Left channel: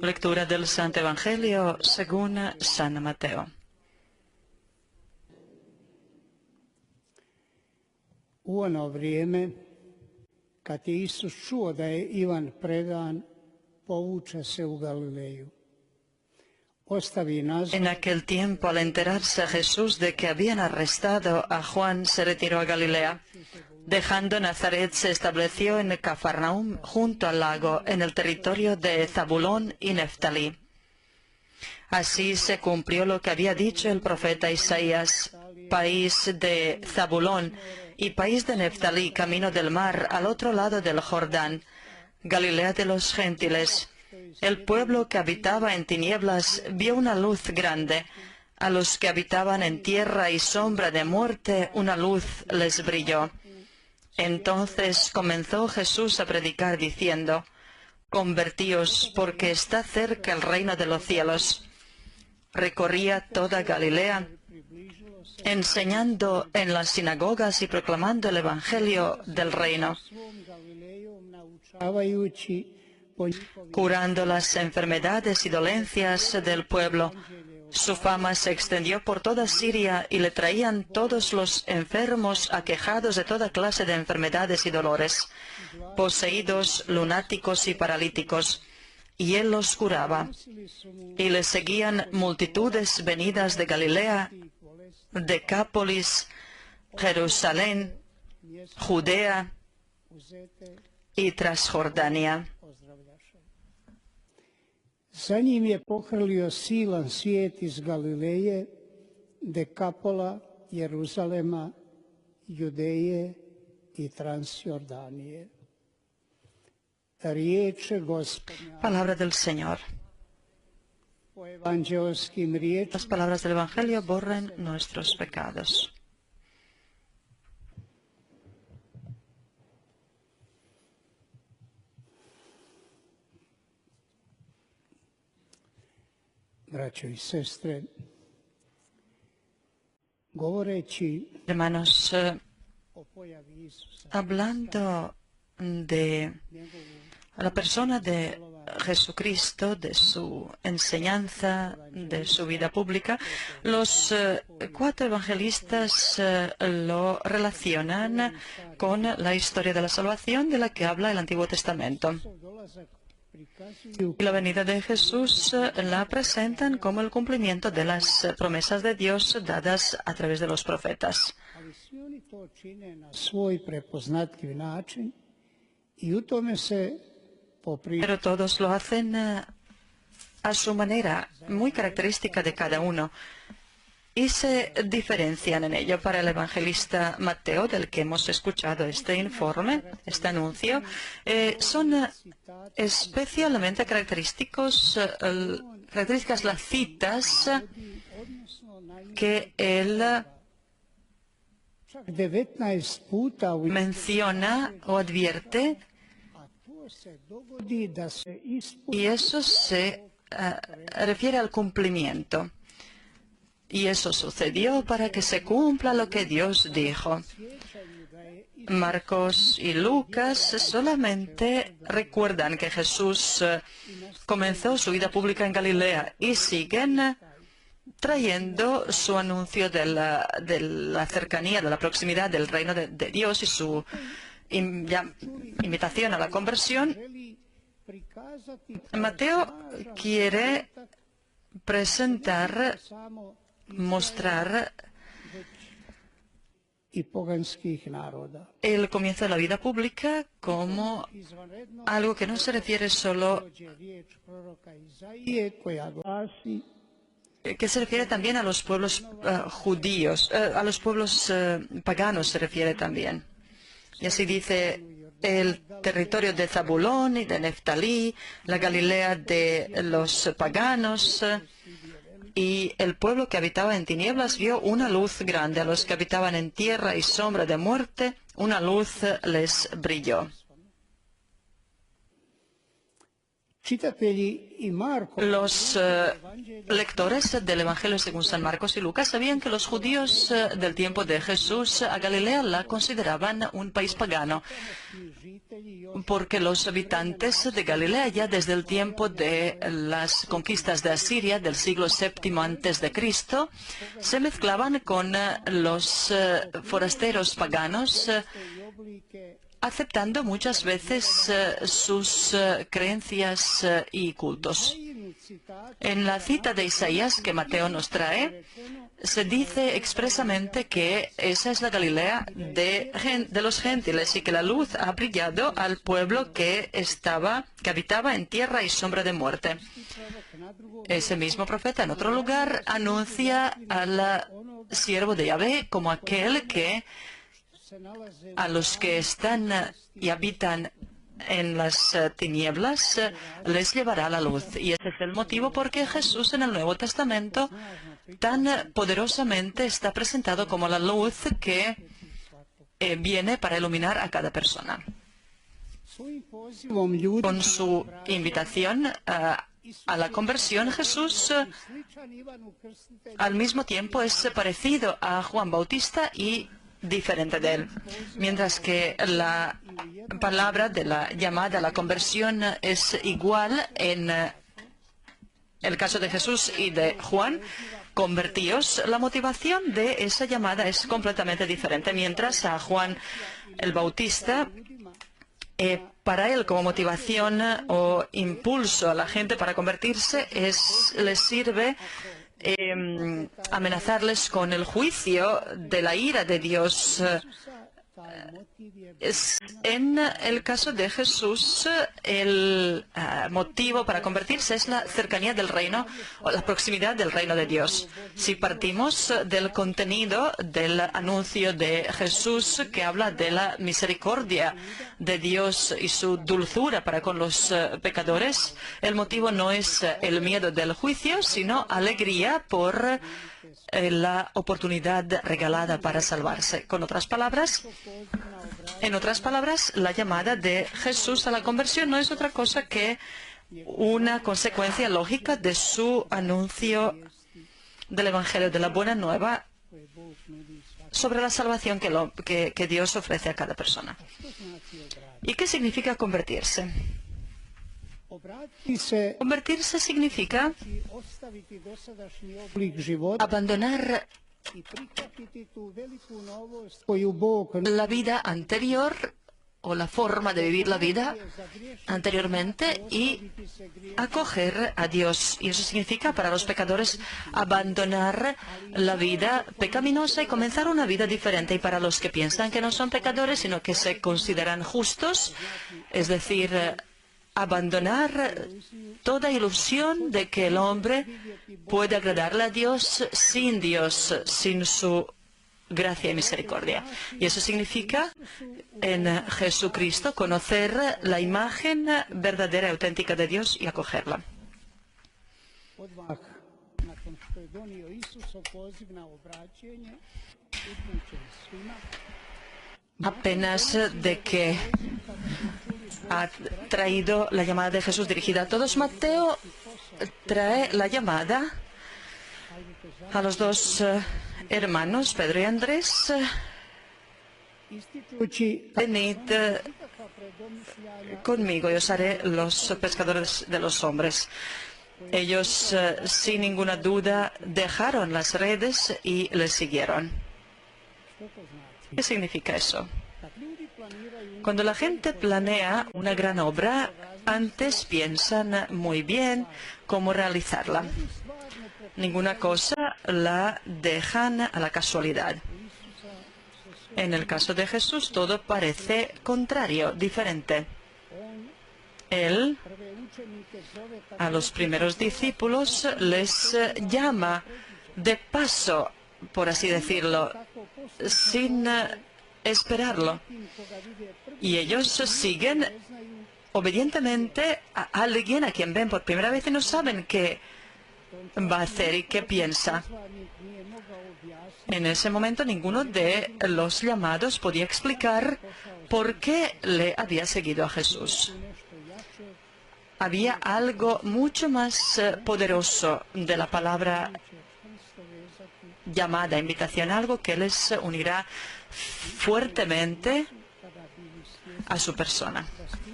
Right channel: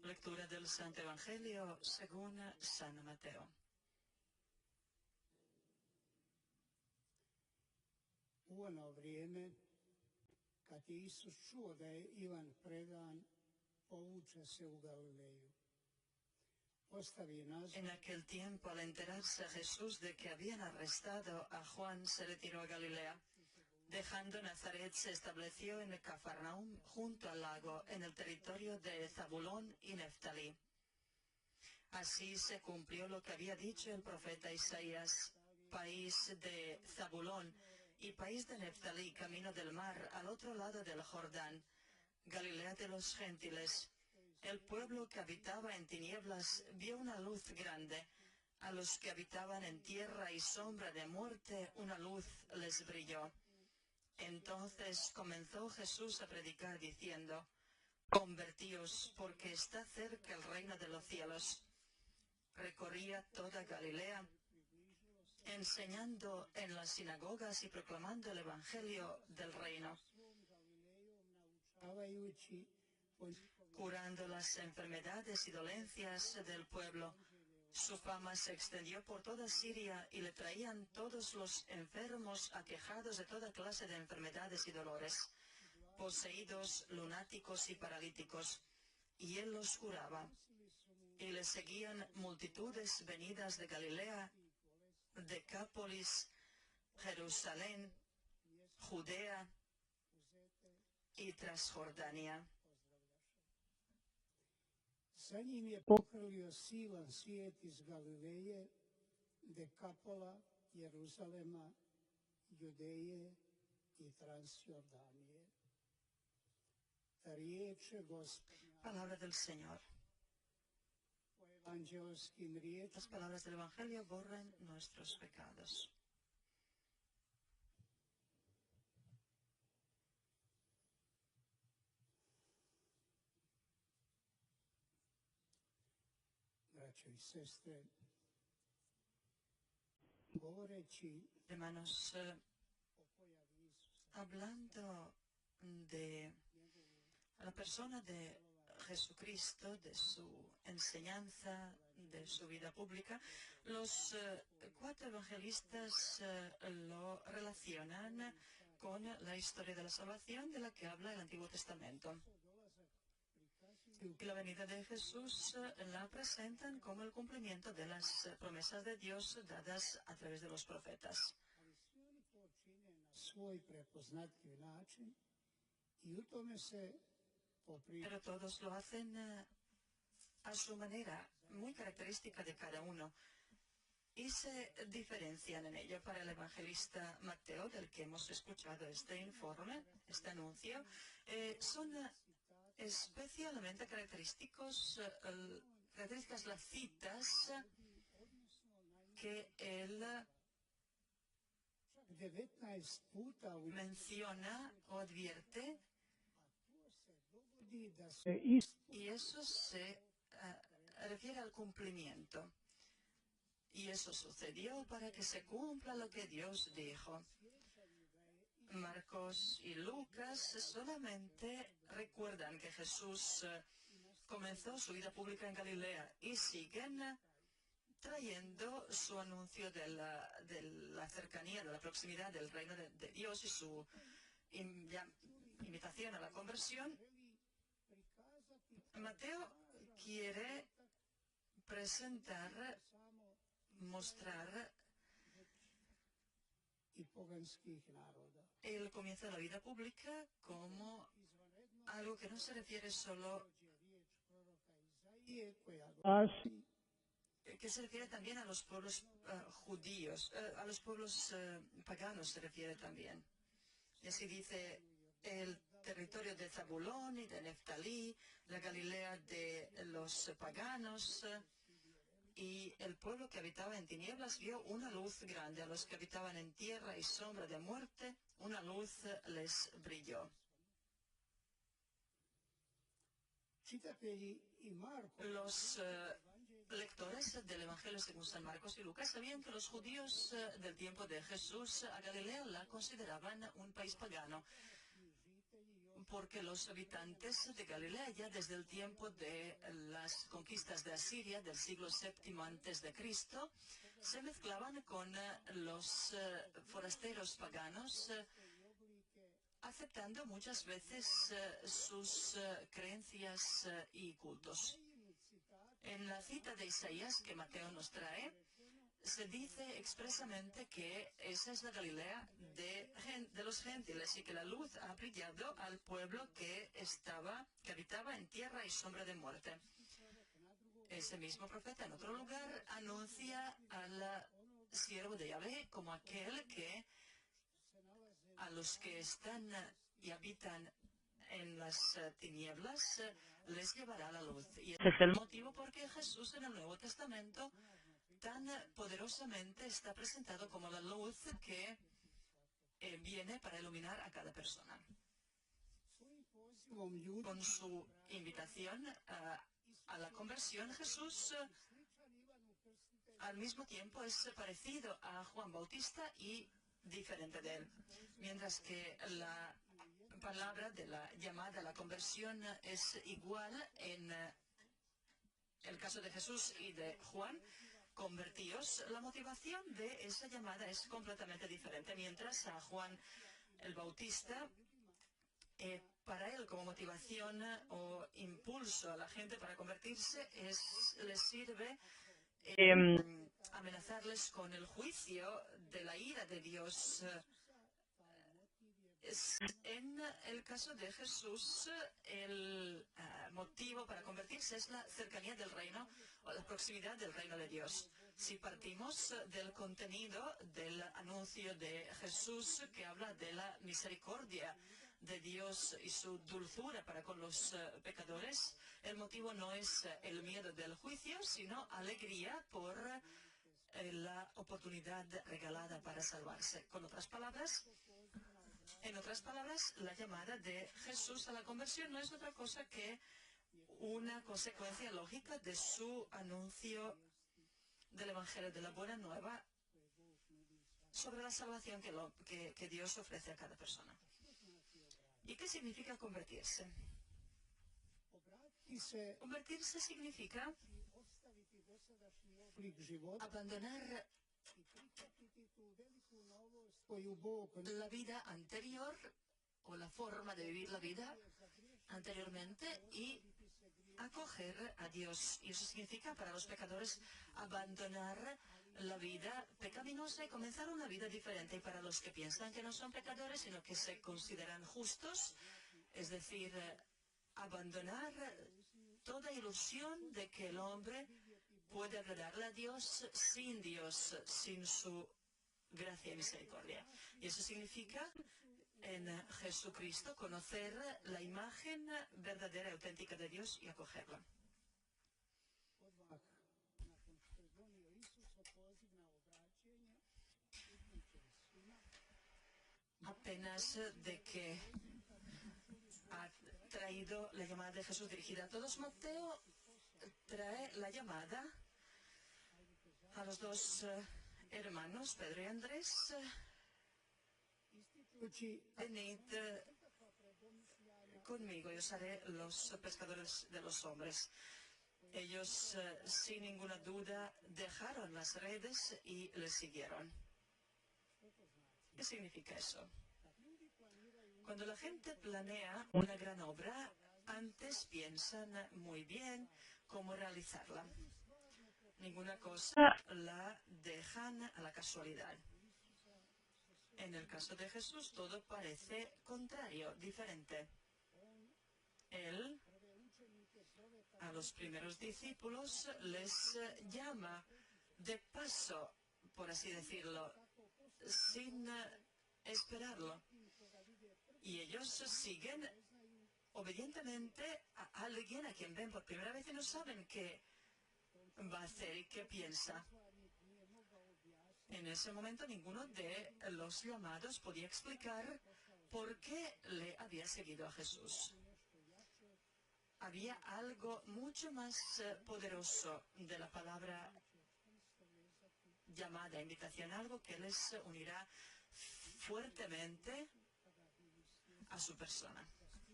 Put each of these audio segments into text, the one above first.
Lectura del Santo Evangelio según San Mateo. U ono vrijeme, kad je Isus čuo da je Ivan predan, povuče se u Galileju. Ostavi Nazaret. En aquel tiempo, al enterarse Jesús de que habían arrestado a Juan, se retiró a Galilea. Dejando Nazaret, se estableció en Cafarnaúm, junto al lago, en el territorio de Zabulón y Neftalí. Así se cumplió lo que había dicho el profeta Isaías: país de Zabulón y país de Neftalí, camino del mar, al otro lado del Jordán, Galilea de los gentiles. El pueblo que habitaba en tinieblas vio una luz grande. A los que habitaban en tierra y sombra de muerte, una luz les brilló. Entonces comenzó Jesús a predicar diciendo: convertíos, porque está cerca el reino de los cielos. Recorría toda Galilea, enseñando en las sinagogas y proclamando el Evangelio del reino, curando las enfermedades y dolencias del pueblo. Su fama se extendió por toda Siria y le traían todos los enfermos aquejados de toda clase de enfermedades y dolores, poseídos, lunáticos y paralíticos, y él los curaba. Y le seguían multitudes venidas de Galilea, Decápolis, Jerusalén, Judea y Transjordania. Za njim je pohrlio silan svijet iz Galileje, Dekapola, Jeruzalema, Judeje i Transjordanije. Riječ Gospodnja. Palabra del Señor. Po evanđelskim riječima. Las palabras del Evangelio borren nuestros pecados. Braćo i sestre, govoreći Hermanos, o pojavi Isusa, hablando de la persona de Jesucristo, de su enseñanza, de su vida pública, los cuatro evangelistas lo relacionan con la historia de la salvación de la que habla el Antiguo Testamento. Y la venida de Jesús la presentan como el cumplimiento de las promesas de Dios dadas a través de los profetas. ali svi oni to čine na svoj prepoznatljiv način i u tome se Pero todos lo hacen a su manera, muy característica de cada uno, y se diferencian en ello. Para el evangelista Mateo, del que hemos escuchado este informe, este anuncio, son especialmente características las citas que él menciona o advierte, y eso se refiere al cumplimiento. Y eso sucedió para que se cumpla lo que Dios dijo. Marcos y Lucas solamente recuerdan que Jesús comenzó su vida pública en Galilea y siguen trayendo su anuncio de la cercanía, de la proximidad del reino de Dios y su invitación a la conversión. Mateo quiere presentar, mostrar el comienzo de la vida pública como algo que no se refiere solo, que se refiere también a los pueblos judíos, a los pueblos paganos se refiere también. Y así dice: el territorio de Zabulón y de Neftalí, la Galilea de los paganos, y el pueblo que habitaba en tinieblas vio una luz grande. A los que habitaban en tierra y sombra de muerte, una luz les brilló. Los lectores del Evangelio según San Marcos y Lucas sabían que los judíos del tiempo de Jesús a Galilea la consideraban un país pagano, porque los habitantes de Galilea ya desde el tiempo de las conquistas de Asiria del siglo VII antes de Cristo se mezclaban con los forasteros paganos, aceptando muchas veces sus creencias y cultos. En la cita de Isaías que Mateo nos trae, se dice expresamente que esa es la Galilea de los gentiles y que la luz ha brillado al pueblo que habitaba en tierra y sombra de muerte. Ese mismo profeta en otro lugar anuncia al siervo de Yahvé como aquel que a los que están y habitan en las tinieblas les llevará la luz. Y ese es el motivo por qué Jesús en el Nuevo Testamento tan poderosamente está presentado como la luz que viene para iluminar a cada persona. Con su invitación a la conversión, Jesús al mismo tiempo es parecido a Juan Bautista y diferente de él. Mientras que la palabra de la llamada a la conversión es igual en el caso de Jesús y de Juan, convertíos, la motivación de esa llamada es completamente diferente. Mientras a Juan el Bautista, para él como motivación o impulso a la gente para convertirse les sirve amenazarles con el juicio de la ira de Dios. En el caso de Jesús, el motivo para convertirse es la cercanía del reino o la proximidad del reino de Dios. Si partimos del contenido del anuncio de Jesús que habla de la misericordia de Dios y su dulzura para con los pecadores, el motivo no es el miedo del juicio, sino alegría por la oportunidad regalada para salvarse. En otras palabras, la llamada de Jesús a la conversión no es otra cosa que una consecuencia lógica de su anuncio del Evangelio de la Buena Nueva sobre la salvación que Dios ofrece a cada persona. ¿Y qué significa convertirse? Convertirse significa abandonar la vida anterior o la forma de vivir la vida anteriormente y acoger a Dios. Y eso significa para los pecadores abandonar la vida pecaminosa y comenzar una vida diferente. Y para los que piensan que no son pecadores, sino que se consideran justos, es decir, abandonar toda ilusión de que el hombre puede agradarle a Dios, sin su gracia y misericordia. Y eso significa en Jesucristo conocer la imagen verdadera y auténtica de Dios y acogerla. Apenas de que ha traído la llamada de Jesús dirigida a todos, Mateo trae la llamada a los dos hermanos, Pedro y Andrés. Venid conmigo y os haré los pescadores de los hombres. Ellos, sin ninguna duda, dejaron las redes y les siguieron. ¿Qué significa eso? Cuando la gente planea una gran obra, antes piensan muy bien cómo realizarla. Ninguna cosa la dejan a la casualidad. En el caso de Jesús, todo parece contrario, diferente. Él, a los primeros discípulos, les llama de paso, por así decirlo, sin esperarlo. Y ellos siguen obedientemente a alguien a quien ven por primera vez y no saben qué va a hacer y qué piensa. En ese momento ninguno de los llamados podía explicar por qué le había seguido a Jesús. había algo mucho más poderoso de la palabra llamada, invitación, algo que les unirá fuertemente a su persona.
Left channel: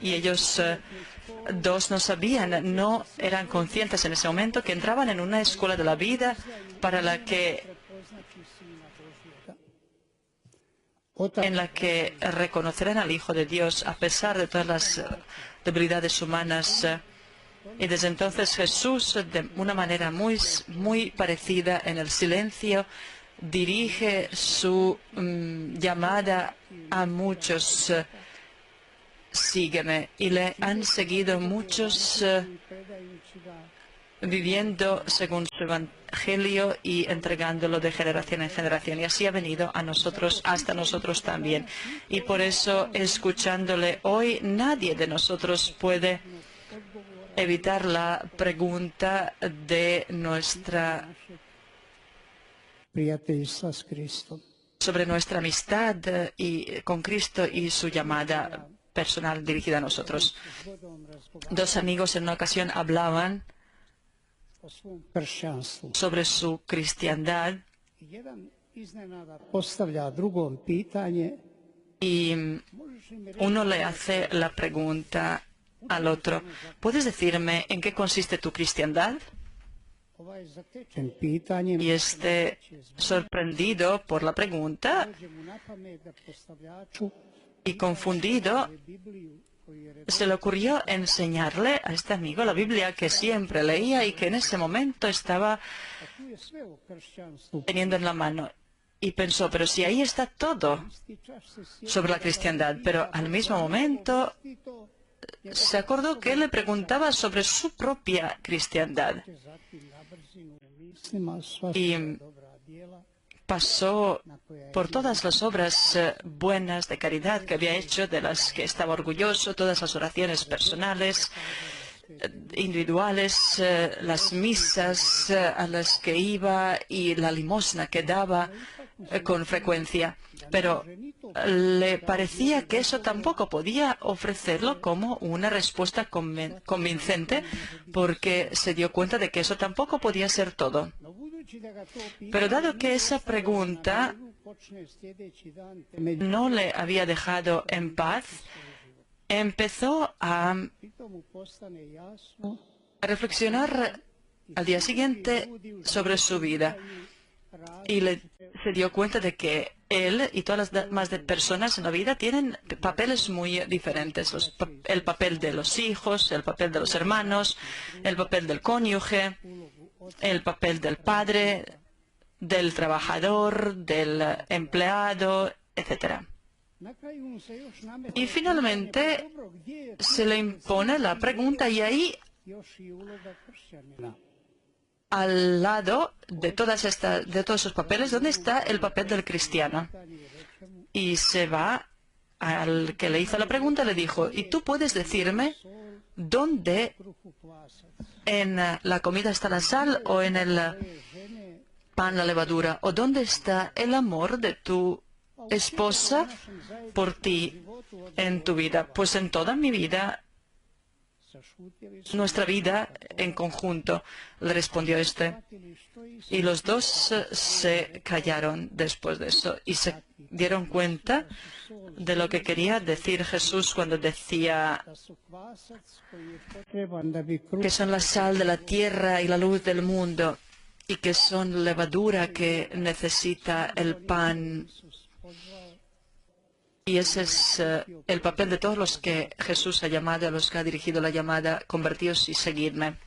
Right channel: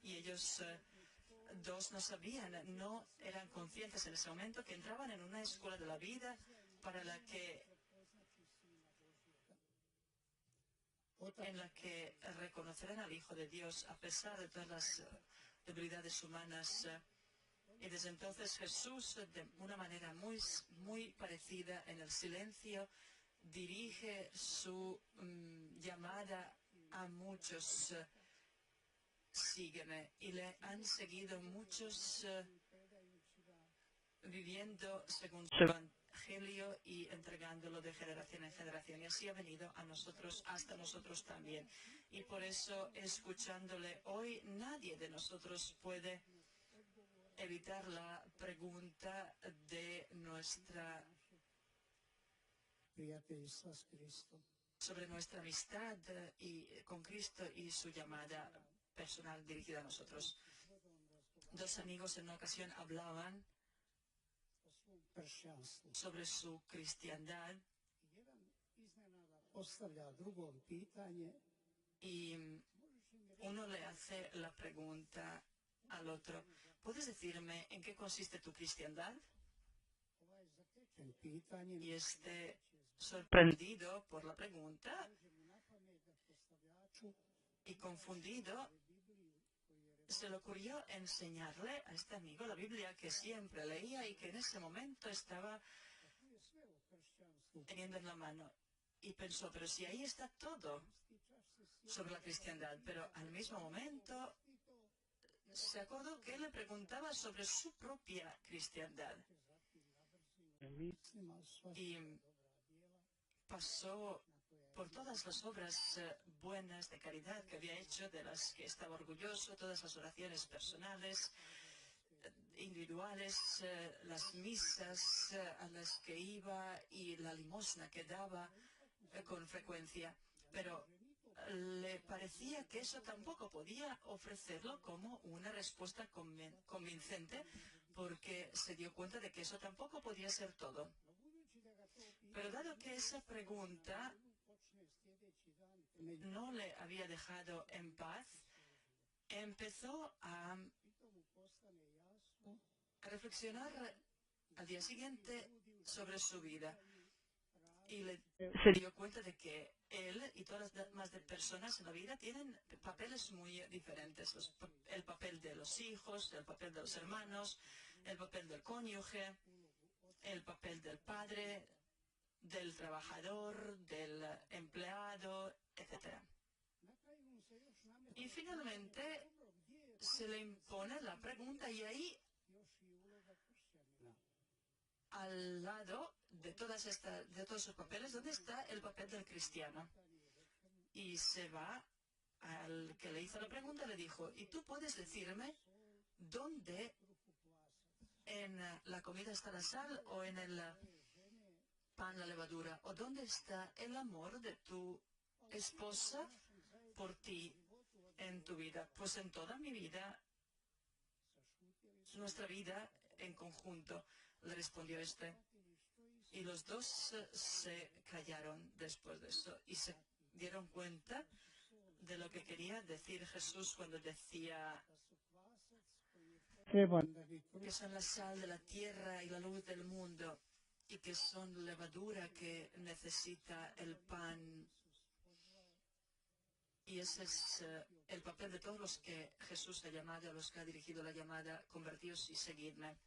Y ellos dos no sabían, no eran conscientes en ese momento que entraban en una escuela de la vida en la que reconocerán al Hijo de Dios a pesar de todas las debilidades humanas. Y desde entonces Jesús, de una manera muy parecida, en el silencio, dirige su llamada a muchos. Sígueme. Y le han seguido muchos viviendo según su evangelio y entregándolo de generación en generación. Y así ha venido a nosotros, hasta nosotros también. Y por eso, escuchándole hoy, nadie de nosotros puede evitar la pregunta de sobre nuestra amistad con Cristo y su llamada personal dirigida a nosotros. Dos amigos en una ocasión hablaban sobre su cristiandad y uno le hace la pregunta al otro: ¿puedes decirme en qué consiste tu cristiandad? Y este, sorprendido por la pregunta y confundido, se le ocurrió enseñarle a este amigo la Biblia que siempre leía y que en ese momento estaba teniendo en la mano. Y pensó, pero si ahí está todo sobre la cristiandad. Pero al mismo momento se acordó que él le preguntaba sobre su propia cristiandad. Y pasó por todas las obras buenas de caridad que había hecho, de las que estaba orgulloso, todas las oraciones personales, individuales, las misas a las que iba y la limosna que daba con frecuencia. Pero le parecía que eso tampoco podía ofrecerlo como una respuesta convincente, porque se dio cuenta de que eso tampoco podía ser todo. Pero dado que esa pregunta no le había dejado en paz, empezó a reflexionar al día siguiente sobre su vida. Y se dio cuenta de que él y todas las demás personas en la vida tienen papeles muy diferentes. El papel de los hijos, el papel de los hermanos, el papel del cónyuge, el papel del padre, del trabajador, del empleado, etc. Y finalmente se le impone la pregunta, y ahí, al lado de todos esos papeles, ¿dónde está el papel del cristiano? Y se va al que le hizo la pregunta, le dijo: ¿y tú puedes decirme dónde en la comida está la sal, o en el pan la levadura, o dónde está el amor de tu esposa por ti en tu vida? Pues en toda mi vida, nuestra vida en conjunto, le respondió este. Y los dos se callaron después de eso y se dieron cuenta de lo que quería decir Jesús cuando decía que son la sal de la tierra y la luz del mundo, y que son levadura que necesita el pan. Y ese es el papel de todos los que Jesús ha llamado, a los que ha dirigido la llamada: convertíos y seguidme.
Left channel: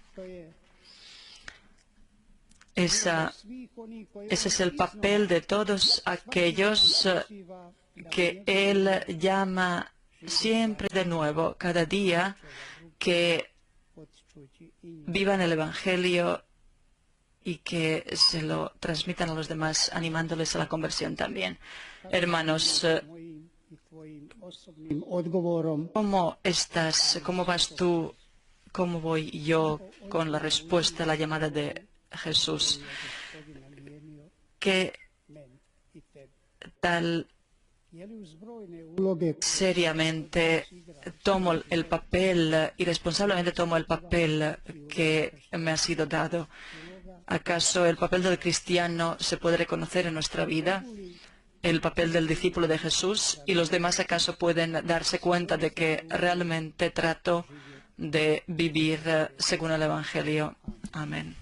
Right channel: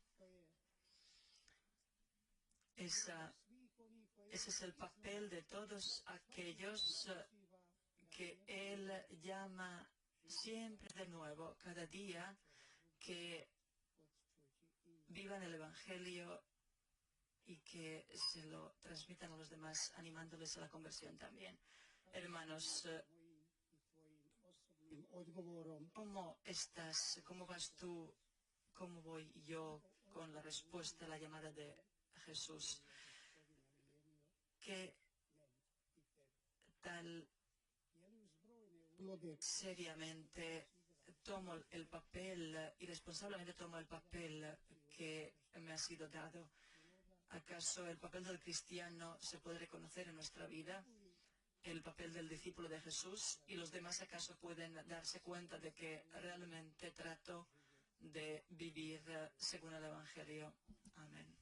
Ese es el papel de todos aquellos que Él llama siempre de nuevo, cada día, que vivan el Evangelio y que se lo transmitan a los demás, animándoles a la conversión también. Hermanos, ¿cómo estás? ¿Cómo vas tú? ¿Cómo voy yo con la respuesta a la llamada de Jesús? ¿Qué tal seriamente tomo el papel, irresponsablemente tomo el papel que me ha sido dado. ¿Acaso el papel del cristiano se puede reconocer en nuestra vida? ¿El papel del discípulo de Jesús? ¿Y los demás acaso pueden darse cuenta de que realmente trato de vivir según el Evangelio? Amén.